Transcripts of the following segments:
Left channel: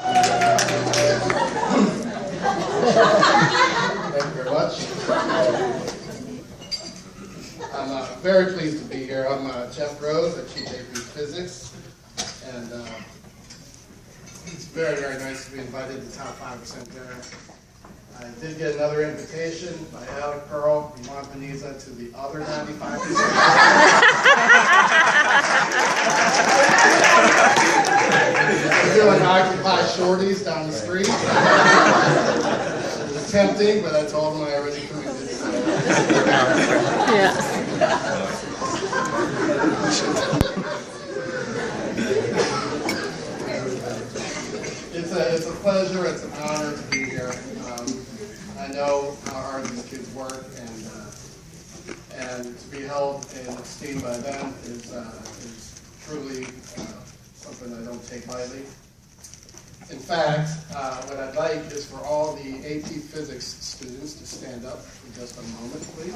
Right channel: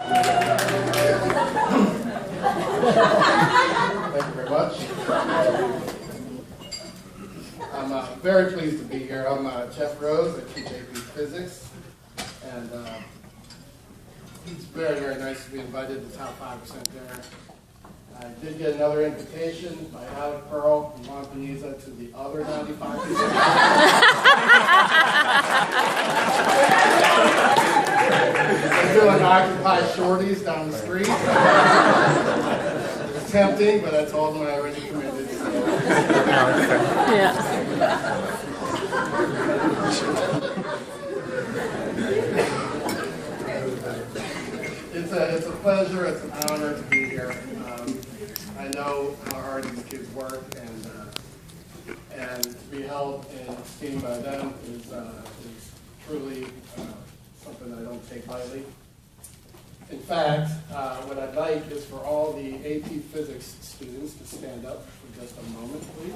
Thank you very much. I'm very pleased to be here. I'm Jeff Rose. I teach AP Physics, and it's very, very nice to be invited to Top 5% dinner. I did get another invitation by Alec Pearl from Montpeniza to the other 95%. I'm doing Occupy Shorties down the street. It's tempting, but I told them I already committed. So. Yeah. It's a pleasure, it's an honor to be here. I know how hard these kids work, and to be held in esteem by them is truly something I don't take lightly. In fact, what I'd like is for all the AP Physics students to stand up for just a moment, please.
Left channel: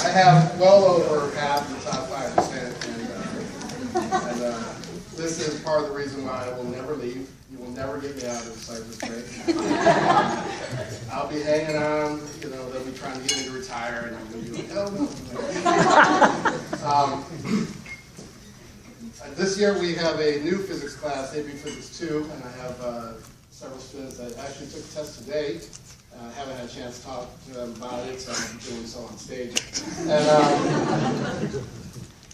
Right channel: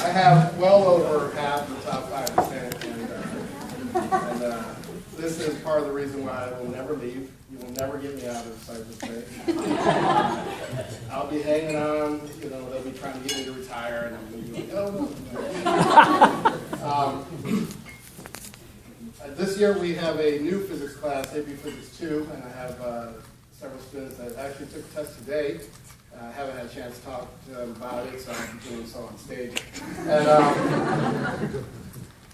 I have well over half the top 5%, and this is part of the reason why I will never leave. You will never get me out of Cypress Bay. I'll be hanging on, you know, they'll be trying to get me to retire, and I'm going to be like, oh no. This year we have a new physics class, AP Physics 2, and I have several students that actually took the test today. I haven't had a chance to talk to them about it, so I'll be doing so on stage.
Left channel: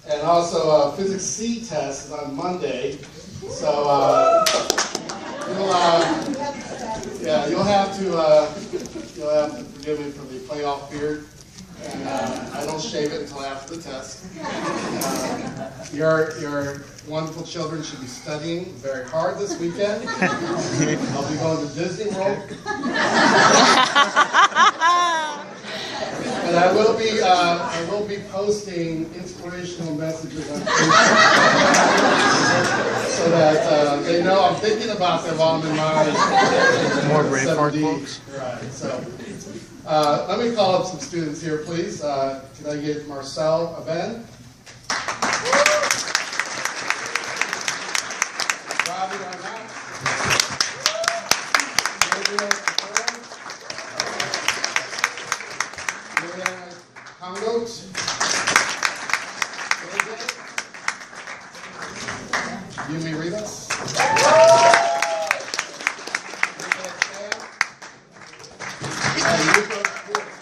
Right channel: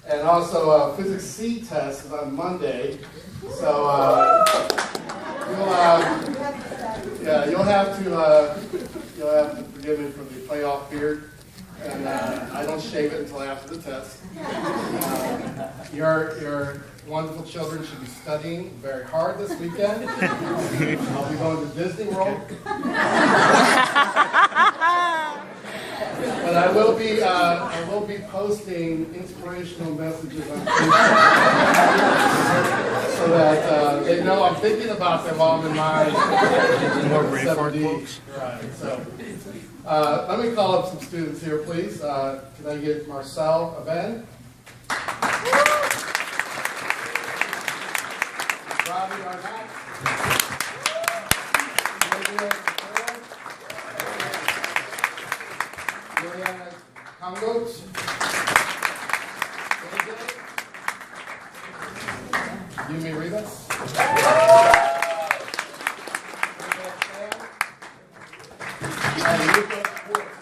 And also, Physics C test is on Monday, so you'll have to forgive me for the playoff beard, and I don't shave it until after the test. Your wonderful children should be studying very hard this weekend. I'll be going to Disney World. But I will be posting inspirational messages on Facebook so that they know I'm thinking about them all in mind. More Braveheart folks. Right. So let me call up some students here, please. Can I get Marcel Aben? Robbie Arnott. Mariana Congote. Yumi Rivas. And Luca Schwartz.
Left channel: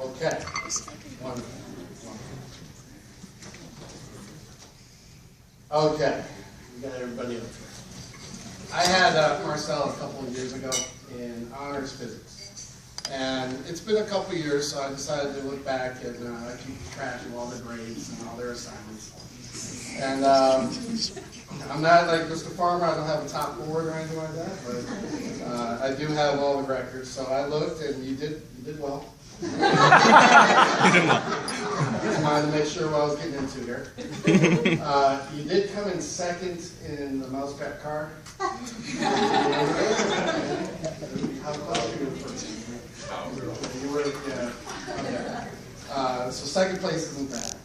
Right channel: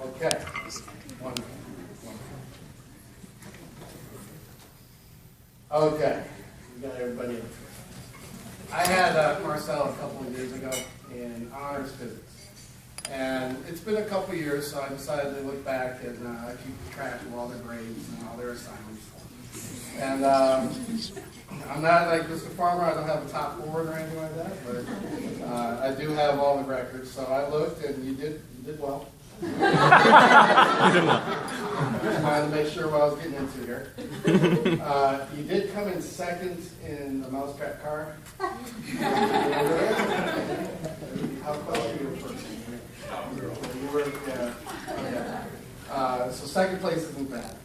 Okay. Wonderful. Okay. We got everybody up here. I had Marcel a couple of years ago in honors physics. And it's been a couple of years, so I decided to look back and keep track of all their grades and all their assignments. And I'm not like Mr. Farmer, I don't have a top board or anything like that, but I do have all the records. So I looked, and you did well. Just wanted to make sure what I was getting into here. You did come in second in the mousetrap car. How close you were first? You were, yeah. Okay. So second place isn't bad.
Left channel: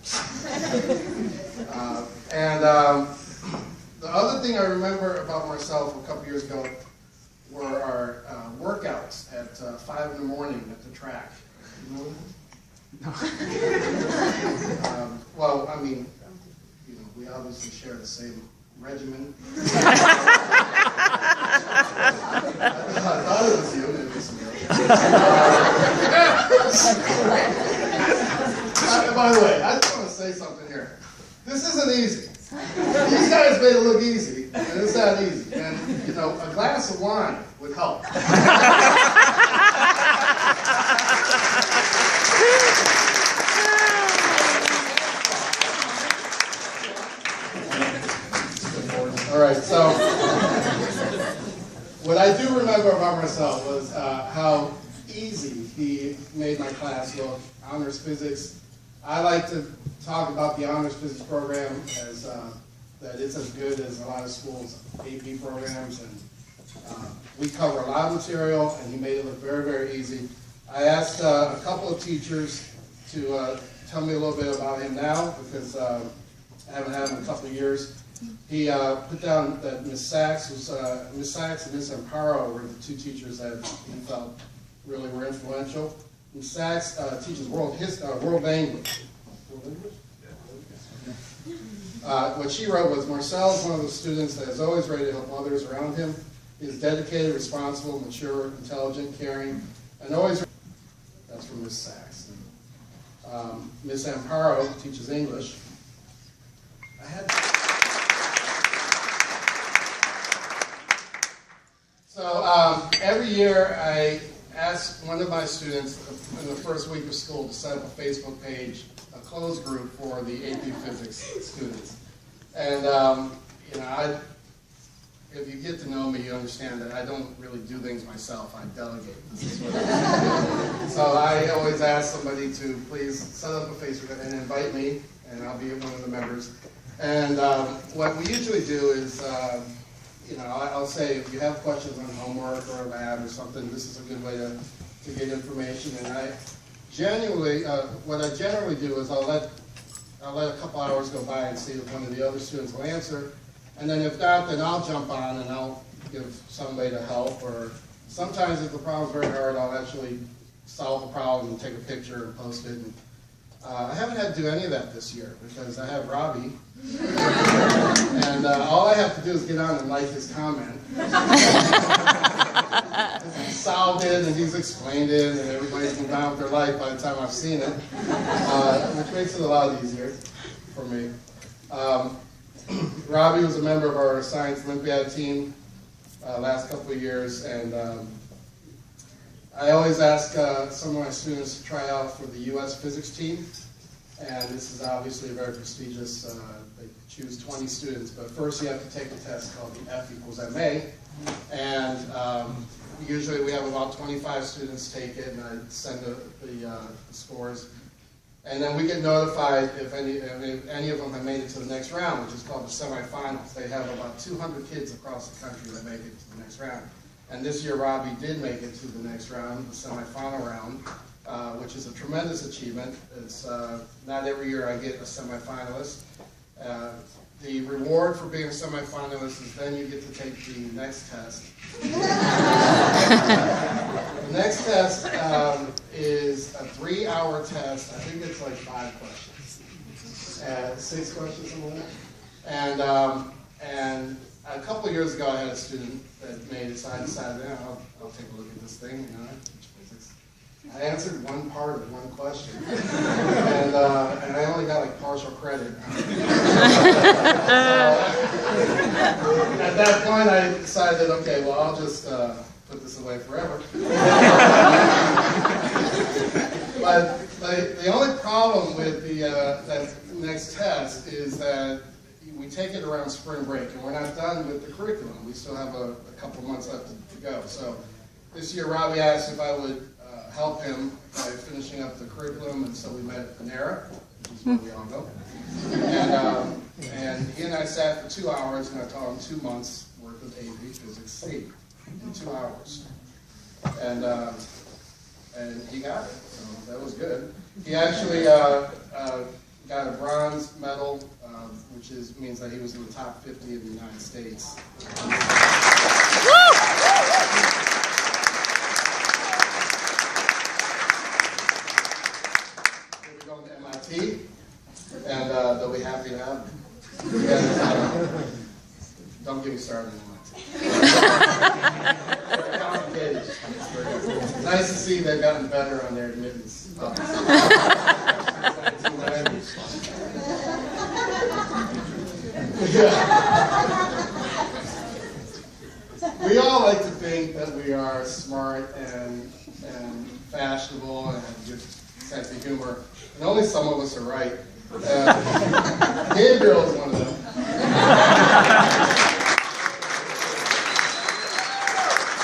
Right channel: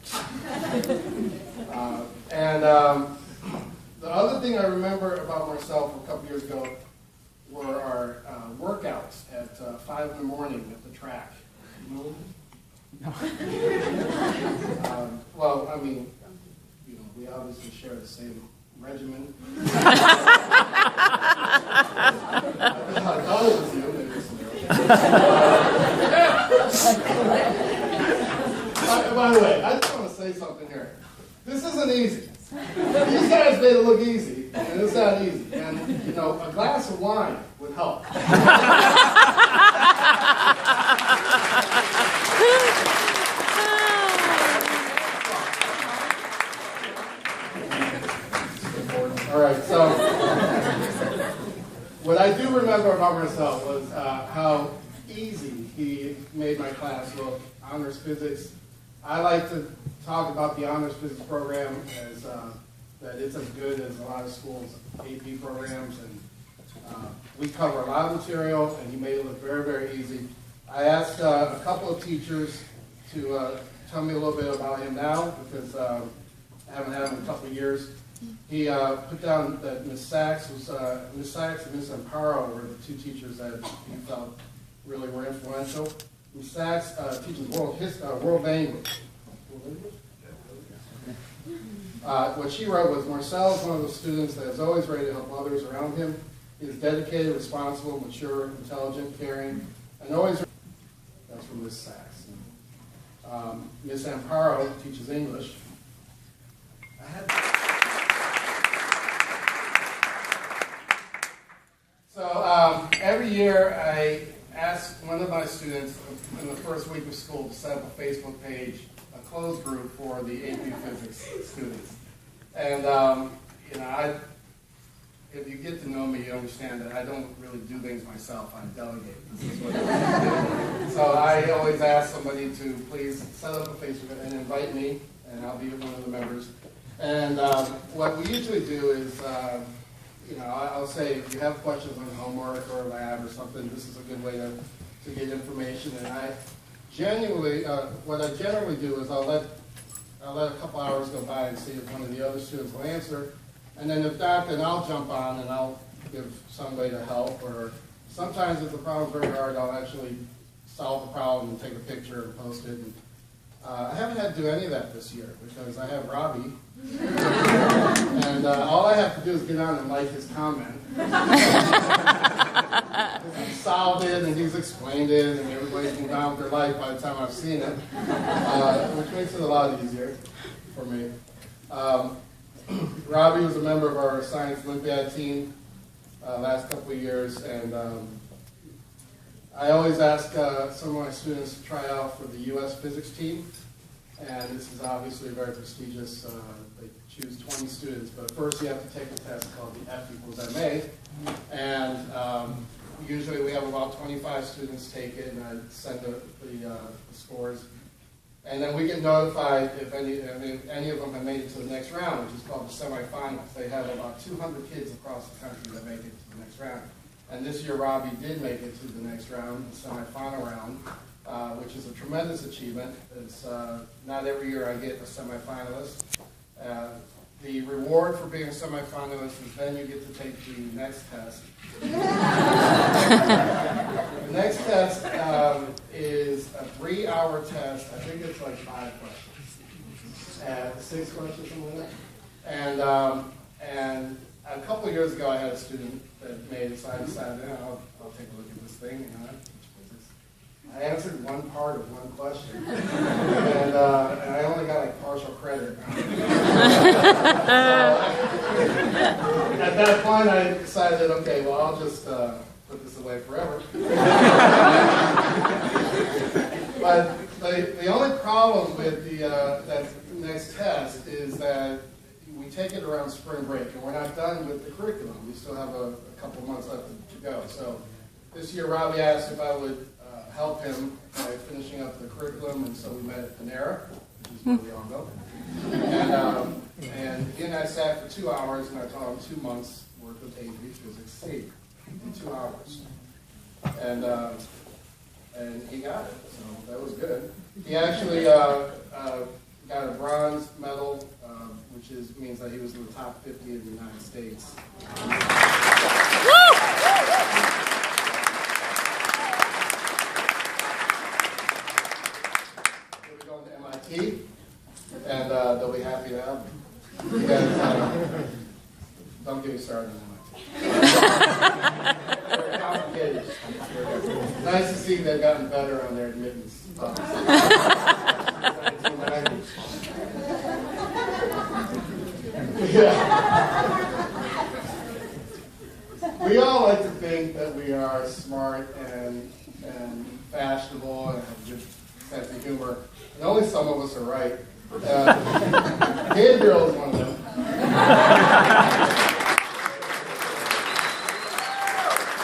The other thing I remember about Marcel from a couple years ago were our workouts at 5 in the morning at the track. You know that? No. Well, I mean, you know, we obviously share the same regimen. I thought it was you, maybe it was somebody else. By the way, I just want to say something here. This isn't easy. These guys made it look easy, and it's not easy. And, you know, a glass of wine would help. All right, so what I do remember about Marcel was how easy he made my class look. Honors Physics. I like to talk about the Honors Physics program as that it's as good as a lot of schools' AP programs, and we cover a lot of material, and he made it look very, very easy. I asked a couple of teachers to tell me a little bit about him now, because I haven't had him in a couple of years. He put down that Miss Sachs and Miss Amparo were the two teachers that he felt really were influential. Miss Sachs teaches world language. What she wrote was, Marcel is one of those students that is always ready to help others around him. He is dedicated, responsible, mature, intelligent, caring, and always. That's from Miss Sachs. Miss Amparo teaches English. So every year I ask one of my students in the first week of school to set up a Facebook page, a closed group for the AP Physics students. And you know, if you get to know me, you understand that I don't really do things myself. I delegate. This is what I do. So I always ask somebody to please set up a Facebook and invite me, and I'll be one of the members. And what we usually do is, you know, I'll say if you have questions on homework or a lab or something, this is a good way to get information. And I genuinely, what I generally do is I'll let a couple hours go by and see if one of the other students will answer. And then if not, then I'll jump on and I'll give some way to help. Or sometimes if the problem's very hard, I'll actually solve the problem and take a picture and post it. And, I haven't had to do any of that this year because I have Robbie. And all I have to do is get on and like his comment. He's solved it and he's explained it and everybody's moved on with their life by the time I've seen it, which makes it a lot easier for me. Robbie was a member of our Science Olympiad team last couple of years, and I always ask some of my students to try out for the U.S. physics team, and this is obviously very prestigious. They choose 20 students, but first you have to take a test called the F equals MA, and usually we have about 25 students take it, and I send the scores. And then we get notified if any of them have made it to the next round, which is called the semifinals. They have about 200 kids across the country that make it to the next round. And this year, Robbie did make it to the next round, the semifinal round, which is a tremendous achievement. It's not every year I get a semifinalist. The reward for being a semifinalist is then you get to take the next test. The next test is a 3-hour test. I think it's like 5 questions, 6 questions, something like that. And a couple of years ago, I had a student that made it, so I decided, yeah, I'll take a look at this thing. You know, I teach physics. I answered one part of one question, and I only got like partial credit. At that point, I decided, okay, well, I'll just put this away forever. But the only problem with that next test is that we take it around spring break, and we're not done with the curriculum. We still have a couple months left to go. So this year, Robbie asked if I would help him by finishing up the curriculum, and so we met at Panera, which is where we all go. And he and I sat for 2 hours, and I taught him 2 months worth of AP Physics C in 2 hours. And he got it, so that was good. He actually got a bronze medal, which means that he was in the top 50 in the United States. He'll be going to MIT, and they'll be happy to have him. Because, don't get me started on MIT. Very complicated. Nice to see they've gotten better on their admittance. We all like to think that we are smart and fashionable and have a good sense of humor, and only some of us are right. Gabriel is one of them.